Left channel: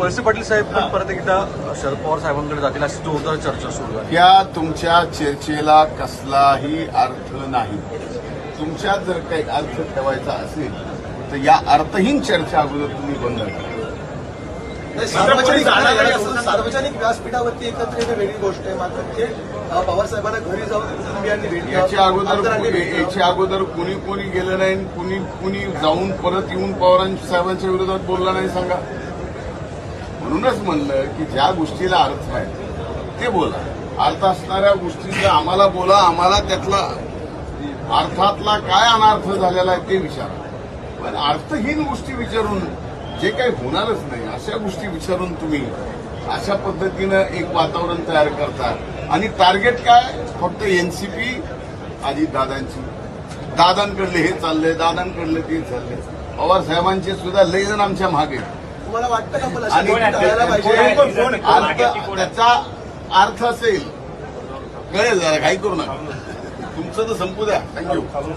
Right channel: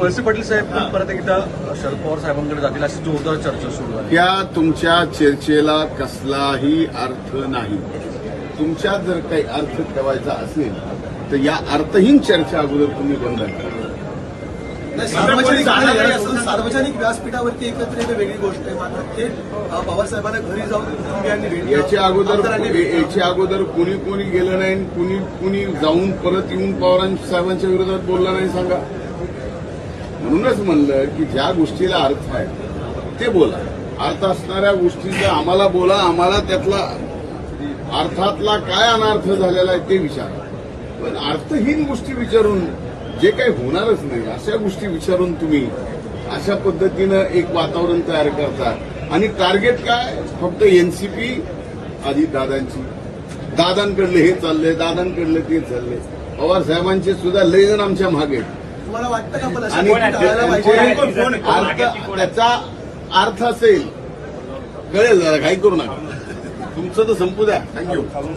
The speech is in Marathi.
वळसे पाटील साहेब पण परत एकदा शरद पवार साहेबांकडे जातील अशी जोरदार चर्चा सुरू आहे त्या तुमच्या चर्चेला कसलाही अर्थ नाही तुमच्या जर काही अर्थ ठेवायचा असेल तर या अर्थहीन चर्चा अगोदर तुम्ही बंद सार्वजनिक व्यासपीठावरती एकत्र वेगळी गोष्ट आहे घरी याच्या अगोदर याच्या अगोदर कुणी कोणी गेलं नाही कुणी कुणी जाऊन परत येऊन साहेबांच्या विरोधात बोलला नाही सांगा म्हणूनच म्हणलं की ज्या गोष्टीला अर्थ आहे ते बोला अर्थ असणाऱ्या गोष्टीचा आम्हाला बोला आम्हाला त्यातला अर्थातला काय अनर्थ झालेला आहे ते विचारा पण अर्थहीन गोष्टी विचारून जे काही होणारच नाही अशा गोष्टी विचारून तुम्ही अशा पद्धतीनं एक वातावरण तयार करता आणि टार्गेट काय फक्त एनसीपी आधी दादांची दादांकडले हे चाललंय दादांकडले ते चाललंय पवार साहेबांचे सुद्धा लय आमच्या मागे आणि त्याचा अर्थ असेल कळेल जरा काही करू नका तुमचं तर संपू द्या थँक्यू